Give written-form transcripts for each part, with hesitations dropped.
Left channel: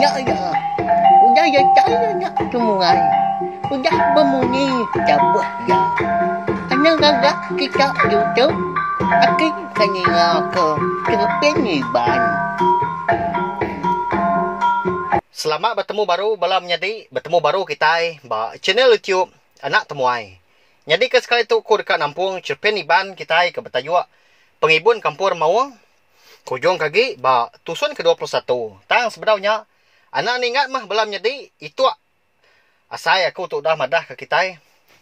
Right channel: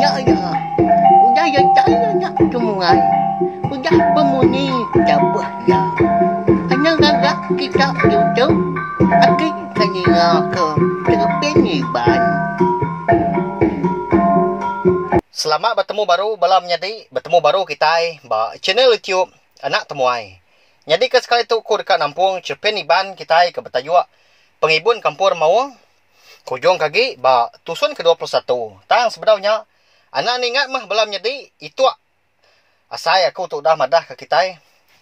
Nak dah. Udah ya tak nak semua. Udah bermuni dapat ya. Senang agak kita duduk. Akhir kena ke Cerpeniban. Selamat bertemu baru balam nyadi. Bertemu baru kita ba channel YouTube Anak Temuai. Jadi ke sekali tu ku dekat Nampung Cerpeniban kita ke bertajuk Pengibun Kampur Mawang. Kujung kaki ba tusun ke-21. Tang sebenarnya anak ni ingat mah balam nyadi itu asai aku tu dah madah ke kita.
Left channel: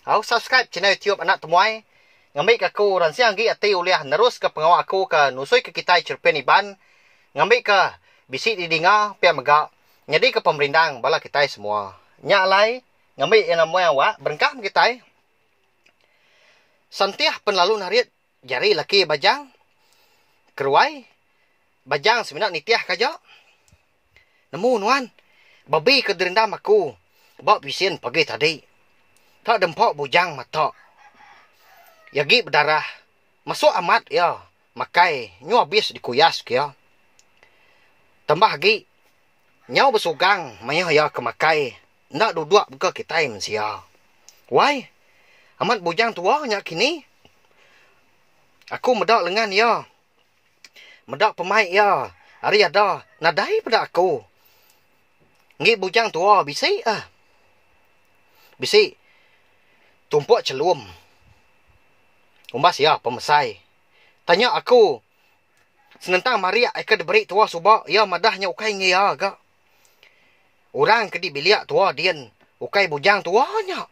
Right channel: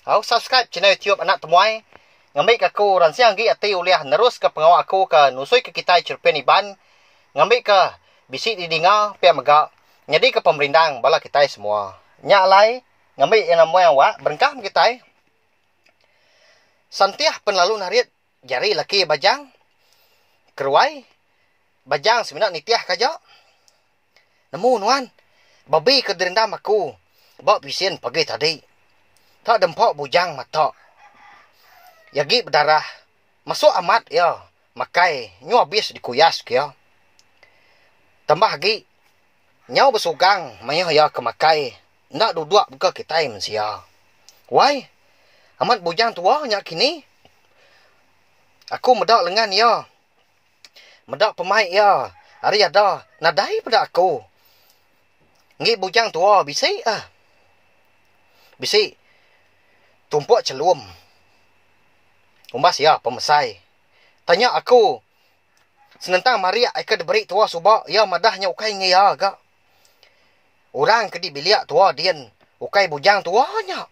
Au subscribe channel YouTube Anak Temuai. Ngambil aku ransiang gi ati uliah nerus ke pengawal aku ke nusui ke kita Cerpeniban. Ngambil ke bisi didinga pia megak. Jadi ke pemerintah bala kita semua. Nya lai ngambil yang namanya awak berengkah kita. Santiah penlalu narit jari laki bajang. Keruai bajang seminat nitiah kaja. Nemu nuan babi ke derendam aku. Bak bisien pagi tadi. Tak dempok bujang mata. Yagi berdarah. Masuk amat ya. Makai nyu habis dikuyas kia. Tambah lagi nyau bersugang maya ya kemakai nak duduk buka kita mensia. Why? Amat bujang tua nya kini. Aku medak lengan ya. Medak pemai ya. Hari ada nadai pada aku. Ngi bujang tua bisi Bisi tumpuk celum. Umbas ya pemesai. Tanya aku. Senentang Maria eka diberi tua subak ya madahnya ukai ngi ya agak. Orang ke di biliak tua dian. Ukai bujang tuanya.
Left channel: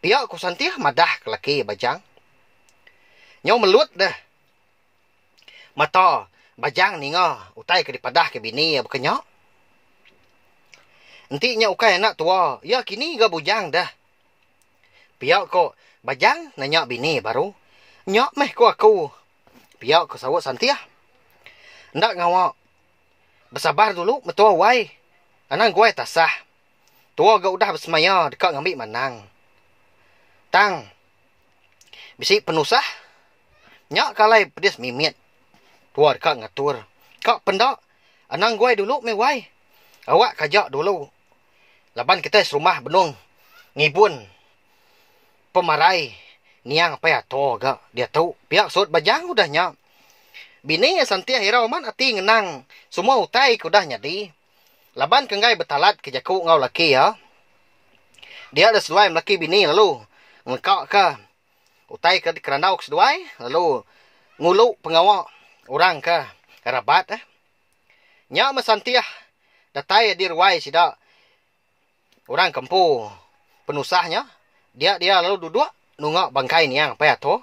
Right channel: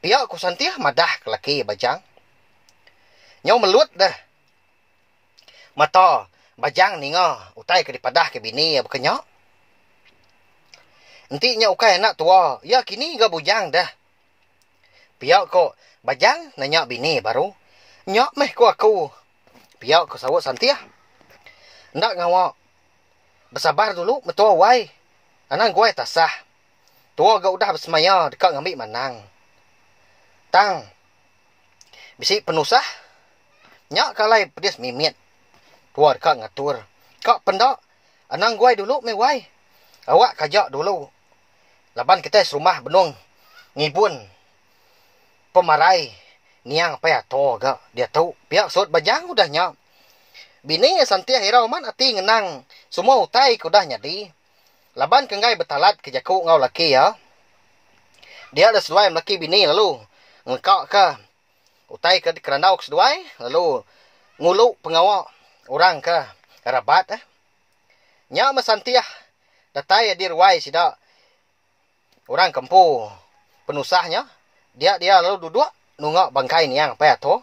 Pihak ku santiah madah ke laki bajang. Nyau melut dah. Mata bajang ni nga. Utai ke dipadah ke bini ya bukannya. Nantinya ukai anak tua. Ya kini ga bujang dah. Pihak ku bajang nanya bini baru. Nyak meh ku aku. Pihak ku sawut santiah. Ndak ngawak. Bersabar dulu metua wai. Anang gue tak sah. Tua gak udah bersemaya dekat ngambil manang. Tang. Bisi penusah. Nyak kalai pedis mimit. Tua dekat ngatur. Kak pendak. Anang gue dulu mewai. Awak kajak dulu. Laban kita serumah benung. Ngibun. Pemarai. Niang apa ya to gak. Dia tahu. Pihak sot bajang udah nyak. Bini santiah hirau man ati ngenang. Semua utai kudah nyadi. Laban kengai betalat ke jaku ngau laki ya. Dia ada seduai laki bini lalu. Ngekak ke. Utai ke kerandau ke seduai. Lalu nguluk pengawal orang ke rabat. Nya masantiah. Datai di ruai sida. Orang kempu penusahnya. Dia lalu duduk. Nungak bangkai niang apa ya to.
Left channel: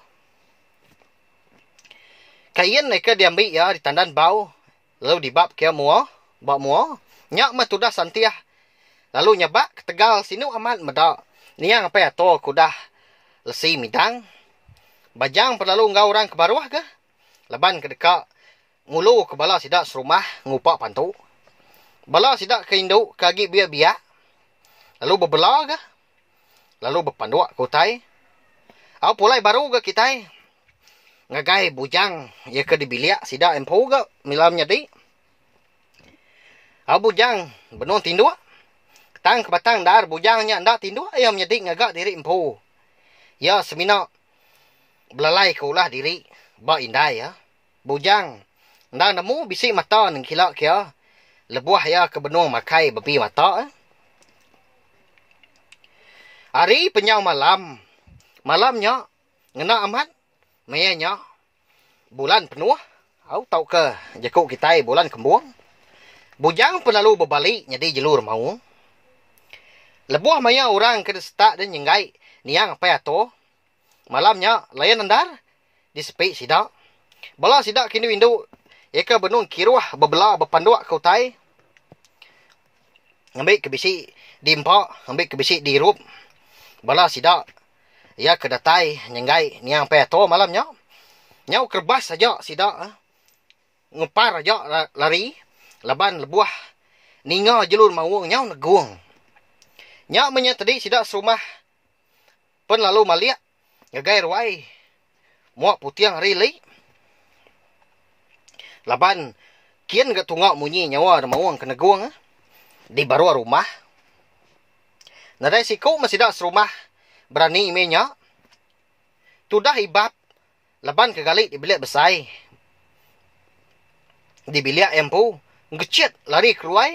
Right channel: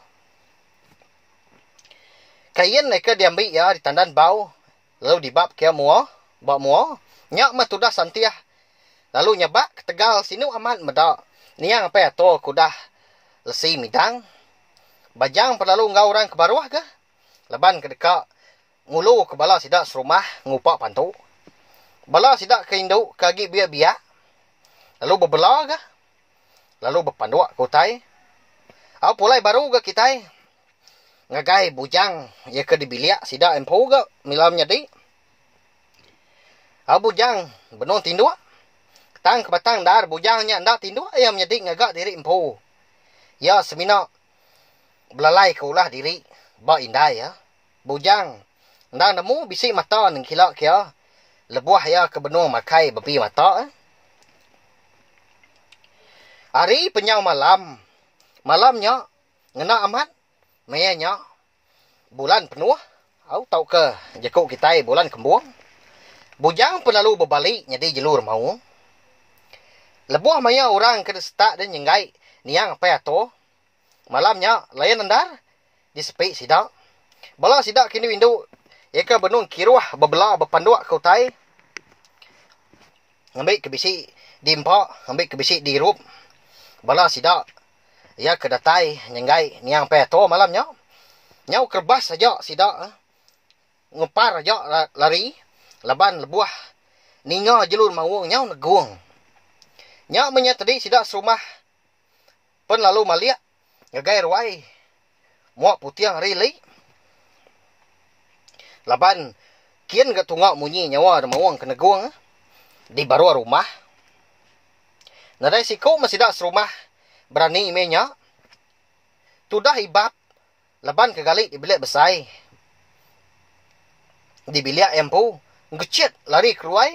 Kain mereka diambil ya. Ditandan bau. Lalu dibab ke mua. Bak mua. Nyak mah tudah santiah. Lalu nyabak ke Tegal sinu amat medak. Niang apa ya to kudah lesi midang. Bajang perlalu ngau orang ke baruah ke. Laban ke dekat ngulu ke bala sidak serumah ngupak pantu. Bala sidak ke induk kagi biak-biak. Lalu berbela ke. Lalu berpanduak ke utai. Au pulai baru ke kitai. Ngagai bujang ya ke dibiliak sidak empu ke milamnya di. Bujang benon tindua. Tang ke batang dar bujangnya ndak tindua ayam nyedik ngagak diri empu. Ya semina belalai ke ulah diri. Ba indai ya. Bujang ndak nemu bisi mata nang kilak kia. Lebuah ya ke benung makai bebi mata. Hari penyau malam. Malamnya ngena amat. Mayanya bulan penuh. Au tau ke jakuk kita bulan kembung. Bujang penlalu berbalik jadi jelur mau. Lebuah maya orang ke destak dan nyenggai niang apa ya to. Malamnya layan andar di sepi sidak. Bala sidak kini windu eka benung kiruah bebela berpanduak ke utai. Ngambil ke bisi di empak, ngambil ke bisi di rup. Bala sidak ya ke datai nyenggai niang apa ya to malamnya. Nyau kerbas saja sidak. Ngepar aja lari. Laban lebuah. Ninga jelur mawang nyau neguang. Nyak menyatadi sidak serumah. Pen lalu maliak. Ngagai ruai. Muak putiang rili. Laban kian ga tungak munyi nyawa mawang kena guang di baru rumah. Nadai siku masih dak serumah berani imenya. Tudah ibab laban ke galik di bilik besai. Di bilik empu ngecet lari keluar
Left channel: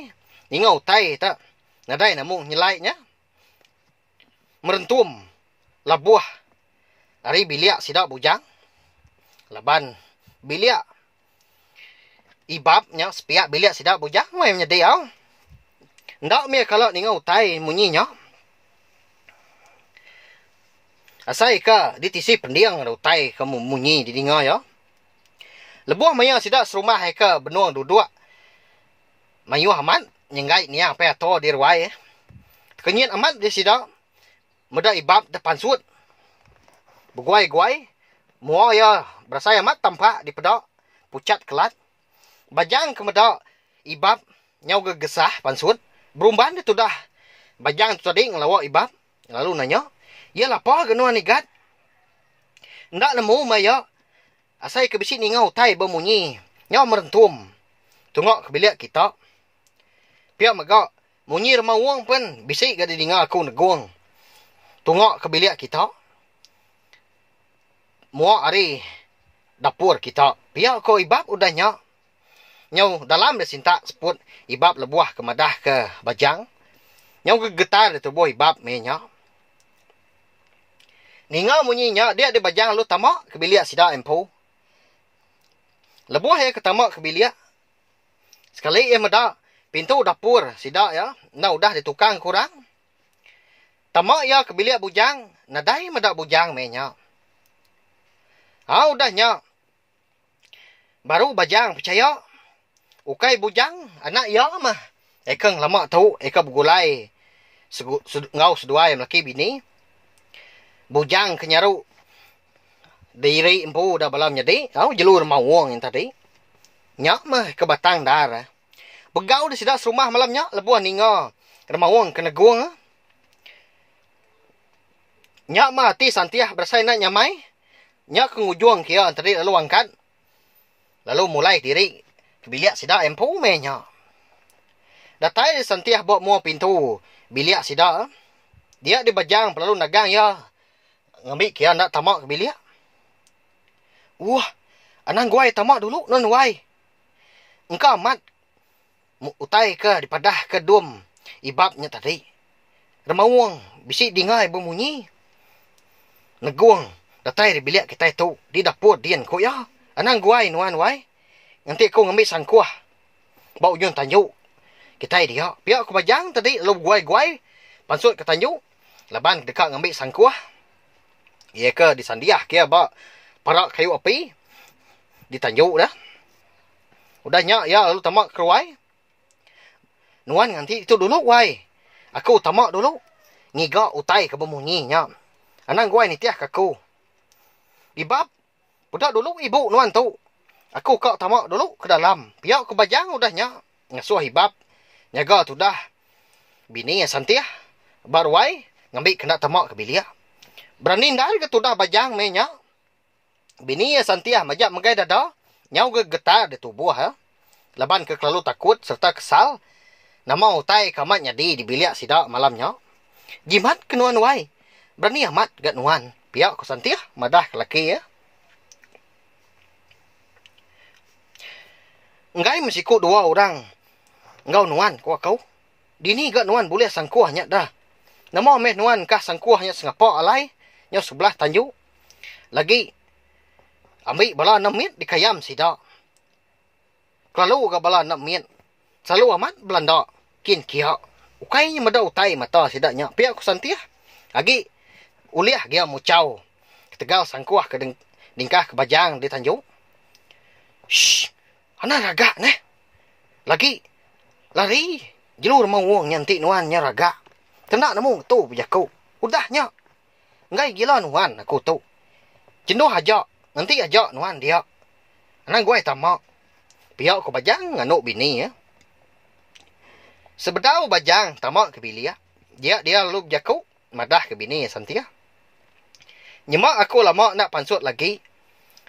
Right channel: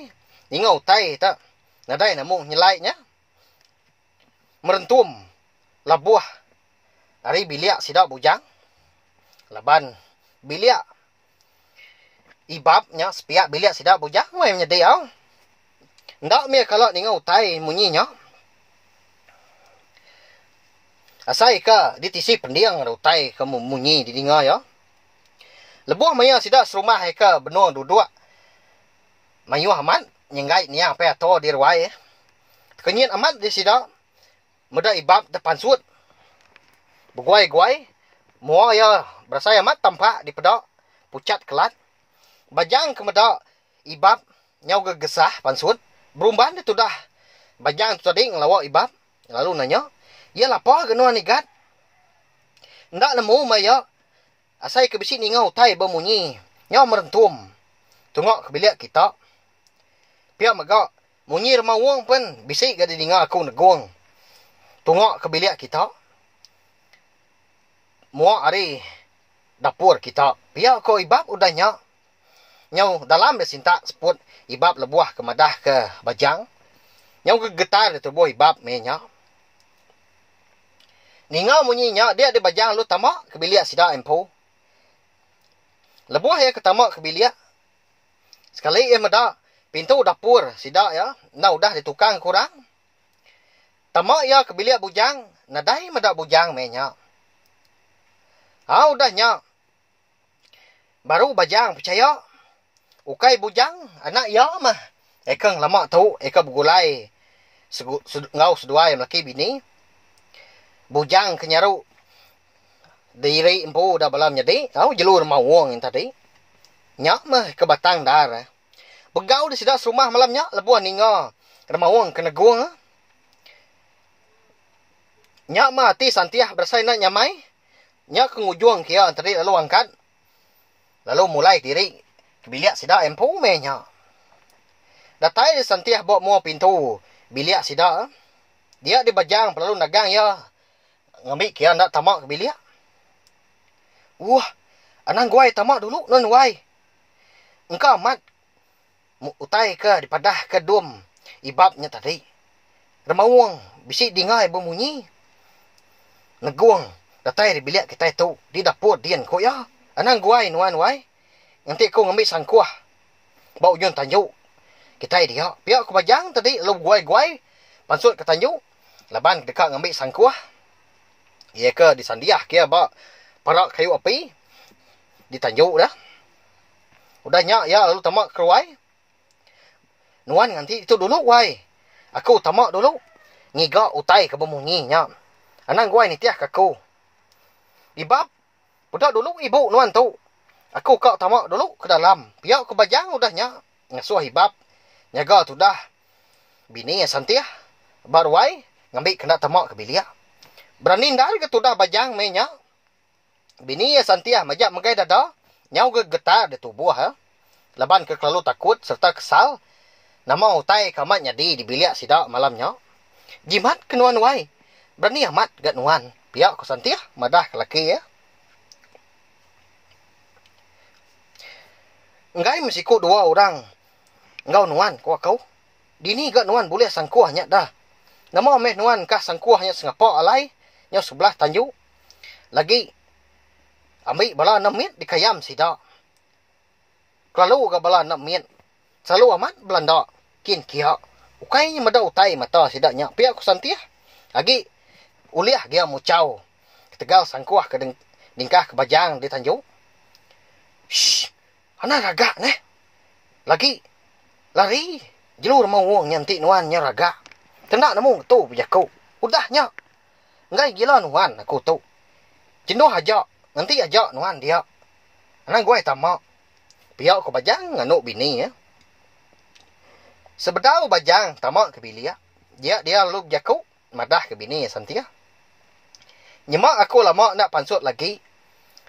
ningau tai tak. Nadai namung nyelaitnya. Merentum labuah dari bilik sidak bujang. Laban bilik ibabnya sepiak bilik sidak bujang mai menyediau. Ndak me kalau ningau tai munyinya. Asai ka ditisi pendiang ada utai kamu munyi di dengar ya. Lebuah maya sidak serumah ka benuang duduk. Mayu amat nyenggai niang pe ato di ruai. Kenyin amat di sidak. Muda ibab depan sud. Beguai-guai. Mua ya berasai amat tampak di pedak. Pucat kelat. Bajang kemedak ibab nyau gegesah pansud. Berumban dia tu dah. Bajang tu tadi ngelawak ibab. Lalu nanya. Ya lapar genuan igat. Ndak nemu maya. Asai ke besi ni ngau tai bermunyi. Nyau merentum. Tungok ke bilik kita. Pihak megak. Munyi remah wang pun. Bisik gadi dengar aku negung. Tungok ke bilik kita. Muak hari dapur kita. Pihak ko ibab udah nyak. Nyau dalam dia sintak seput. Ibab lebuah ke madah ke bajang. Nyau gegetar dia tubuh ibab menyak. Ningau munyinya, dia ada bajang lu tamak ke bilik sidak empu. Lebuah ya ke tamak ke bilik. Sekali ia meda pintu dapur sidak ya. Nah udah ditukang kurang. Tamak ya ke bilik bujang. Nadai meda bujang menya. Udahnya. Baru bajang percaya. Ukai bujang anak ya mah. Ekang lama tahu eka bergulai. Ngau seduai melaki bini. Bujang kenyaru diri empu dah balam jadi jelur mawang yang tadi nyak mah ke batang dar begau di sidak serumah malamnya lebuah ninga remawang kena guang nyak mah hati santiah bersai nak nyamai nyak kengujuang kia tadi lalu angkat lalu mulai diri ke bilik sidak empu menya datai santiah bawa mua pintu bilik sidak dia di bajang perlu nagang ya ngambil kia nak tamak ke bilik. Wah, anang guai tamak dulu, non guai. Engkau amat utai ke dipadah ke dum ibabnya tadi. Remawang, bisik dengar bermunyi. Neguang, datai di bilik kita itu, di dapur dian ko ya. Anang guai, nuan guai. Nanti kau ngambil sangkuah. Bau yun tanjuk. Kita dia, pihak aku bajang tadi, lalu guai-guai. Pansut ke tanjuk. Laban dekat ngambil sangkuah. Ia ke disandiah kia bak parak kayu api ditanjuk dah. Udah nyak ya lalu tamak keruai. Nuan nanti itu dulu wai. Aku tamak dulu. Ngiga utai ke bermunyi nyak. Anang guai ni tiah kaku. Ibab. Budak dulu ibu nuan tu. Aku kau tamak dulu ke dalam. Pihak ke bajang udah nyak. Ngasuh ibab. Nyaga tu dah. Bini yang santiah. Baru wai. Ngambil kena tamak ke bilik. Berani dari ke tudah bajang menya. Bini ya santiah majak megai dada. Nyau ke getar di tubuh ha. Laban ke kelalu takut serta kesal. Nama utai kamat nyadi di bilik sidak malamnya. Jimat ke nuan wai. Berani amat gat nuan. Pihak ku santiah madah ke laki ya. Ngai mesti ku dua orang. Engkau nuan ku kau. Dini gat nuan boleh sangkuahnya dah. Nama meh nuan kah sangkuahnya sengapa alai. Nyau sebelah tanjuk. Lagi. Ambil bala 6 minit dikayam sidak. Kalau ke bala 6 minit. Selalu amat belanda. Kin kia. Ukainya mada utai mata sidaknya. Pihak ku santiah. Lagi. Uliah dia mucau. Ketegal sangkuah ke dingkah ke bajang di tanjuk. Shhh. Anak ragak neh. Lagi. Lari. Jelur mau nyantik nuan nya ragak. Tendak namu tu pujaku. Udahnya. Ngai gila nuan aku tu. Jenuh aja. Nanti aja nuan dia. Anang gue tamak. Pihak ko bajang nganuk bini ya. Sebedau bajang tamak ke bilik. Dia lalu jaku. Madah ke bini ya santia. Nyemak aku lama nak pansut lagi.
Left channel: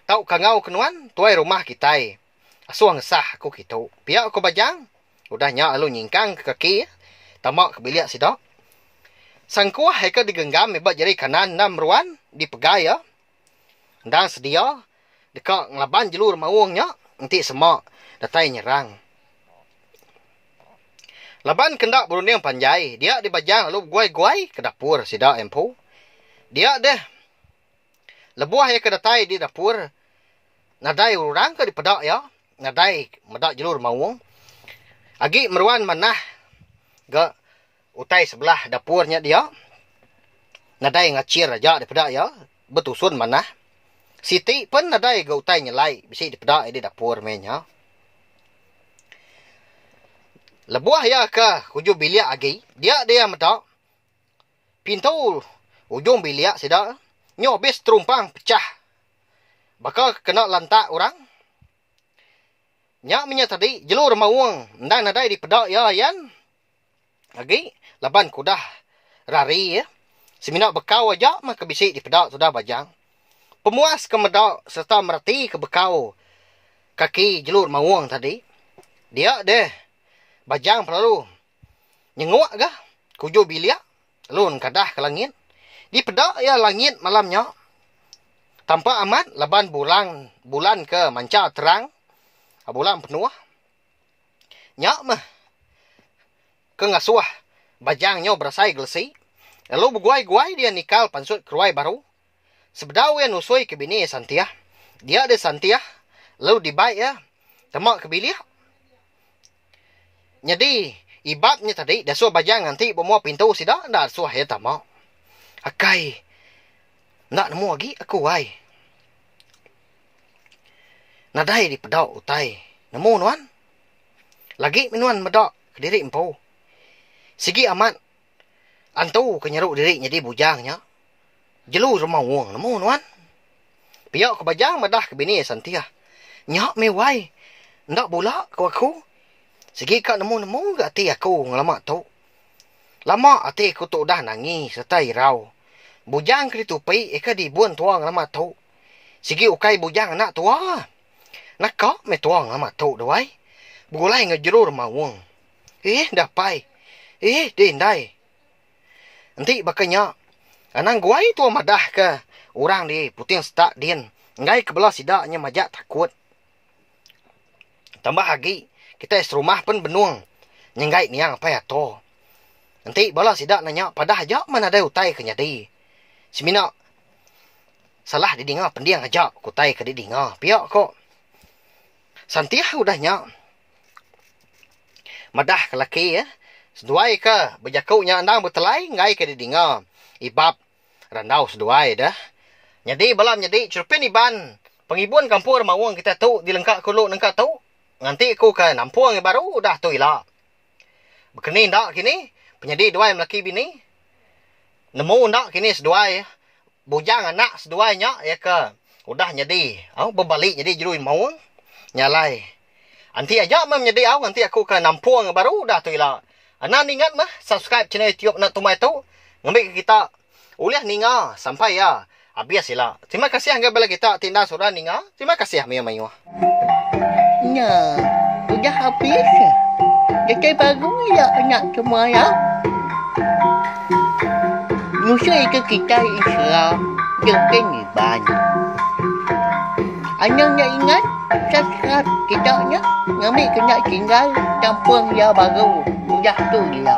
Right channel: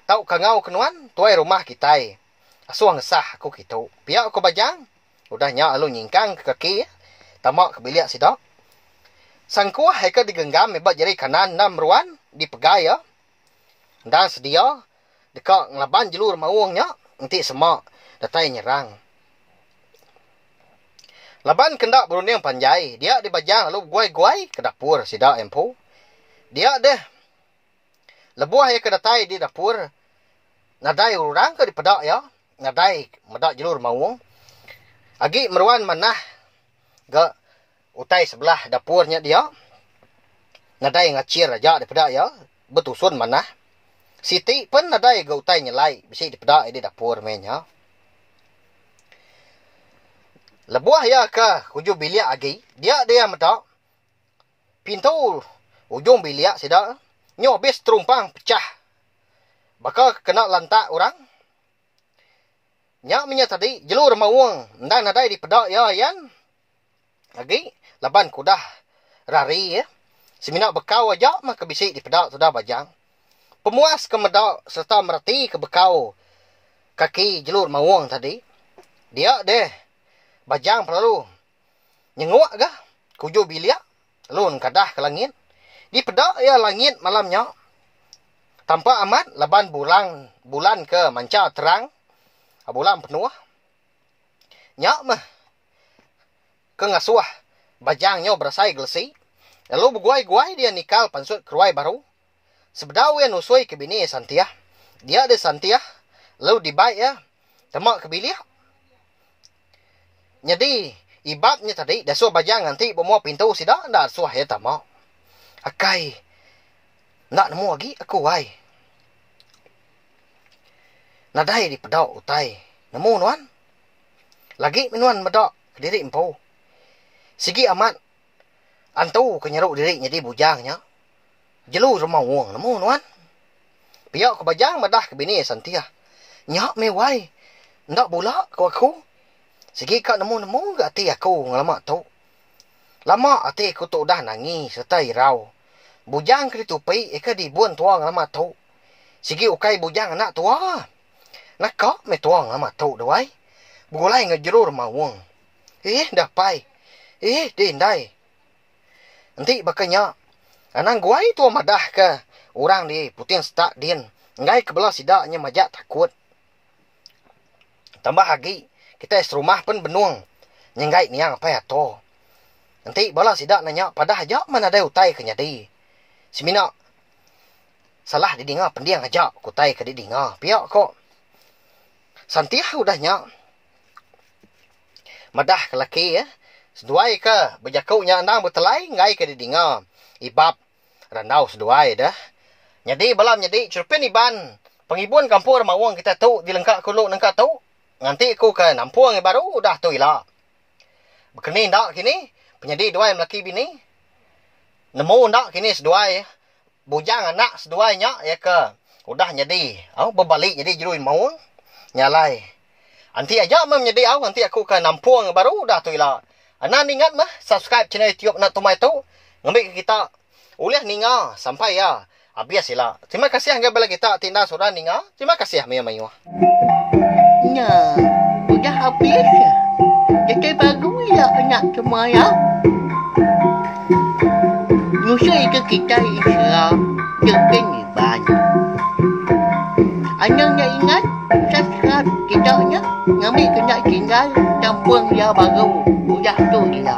Tau kangau kenuan tuai rumah kita. Asuh ngesah aku gitu. Pihak aku bajang. Udah nyak lu nyingkang ke kaki. Tamak ke bilik sidak. Sang kuah heka digenggam hebat jari kanan nam ruan. Dipegai ya. Dan sedia. Dekat ngelaban jelur mawungnya. Nanti semak. Datai nyerang. Laban kendak berunding panjai. Dia dibajang lalu guai-guai ke dapur sidak empu. Dia deh. Lebuah ya ke datai di dapur. Nadai urang ke di pedak ya. Nadai medak jelur mawung. Agi meruan manah. Ga utai sebelah dapurnya dia. Nadai ngacir aja di pedak ya. Betusun manah. Siti pun nadai ga utai nyelai. Bisi di pedak di dapur mainnya. Lebuah ya ke hujung bilik agi. Dia medak. Pintu ujung bilik sidak. Nyo bis terumpang pecah. Bakal kena lantak orang. Nyak minyak tadi jelur mawung. Ndang nadai di pedak ya yan. Lagi laban kudah rari ya. Seminak bekau aja maka bisik di pedak sudah bajang. Pemuas ke medak serta merati ke bekau kaki jelur mawung tadi. Dia deh bajang perlu nyenguk gah kuju bilik lun kadah ke langit. Di pedak ya langit malamnya. Tanpa amat laban bulan ke manca terang. Bulan penuh. Nyak mah. Ke ngasuah. Bajangnya berasai gelsi. Lalu berguai-guai dia nikal pansut keruai baru. Sebedau yang usui ke bini santiah. Dia ada santiah. Lalu dibaik ya. Temak ke bilik. Jadi ibatnya tadi. Dah suah bajang nanti bermuah pintu sidak. Dah suah ya tamak. Akai. Nak nemu lagi aku wai. Nadai di pedak utai. Nemu nuan. Lagi minuan medak ke diri empu. Sigi amat. Antu kenyeruk diri jadi bujangnya. Jelu rumah wong nemu nuan. Piak ke bajang medah ke bini santiah. Nyak me wai. Ndak bola ke aku. Sigi kak nemu-nemu ke hati aku ngelamak tu. Lama hati aku tu dah nangis serta irau. Bujang ke ditupai eka dibuan tuang ngelamak tu. Sigi ukai bujang anak tua. Nakak me tuang ngelamak tu dawai. Bugulai ngejerur mawung. Dah pai. Dindai. Nanti bakanya. Anang guai tua madah ke. Orang di puting setak din. Ngai kebelah sidaknya majak takut. Tambah lagi. Kita serumah pun benuang. Nyengai niang apa ya to. Nanti bala sidak nanya. Padah aja mana ada utai kenyadi. Semina. Salah didinga pendiang aja. Kutai ke didinga. Piak kok. Santiah udahnya. Madah ke laki ya. Seduai ke. Berjakaunya andang bertelai. Ngai ke didinga. Ibab. Randau seduai dah. Jadi balam jadi. Cerpin iban. Pengibuan kampur mawang kita tu. Dilengkak kuluk nengkak tu. Nanti aku ke nampung yang baru. Dah tu ilah. Berkenin tak kini. Penyedi duai melaki bini. Nemu tak kini seduai. Bujang anak seduainya. Ya ke. Udah jadi. Berbalik jadi jeruin mawang. Nyalai. Nanti aja mah menjadi awak. Nanti aku ke nampung yang baru. Dah tu ilah. Anak ingat mah. Subscribe channel YouTube Nak Tumai tu. Ngambil ke kita. Uliah ninga. Sampai ya. Habis ilah. Terima kasih angga bala kita. Tindak surah ninga. Terima kasih. Mayu-mayu. Nah, udah habis ya. Jadi baru ya anak semua ya. Musuh itu kita Islam. Jengking iban. Anak nak ingat. Subscribe kita ya. Ngambil kena tinggal. Campur ya baru. Udah tu dia.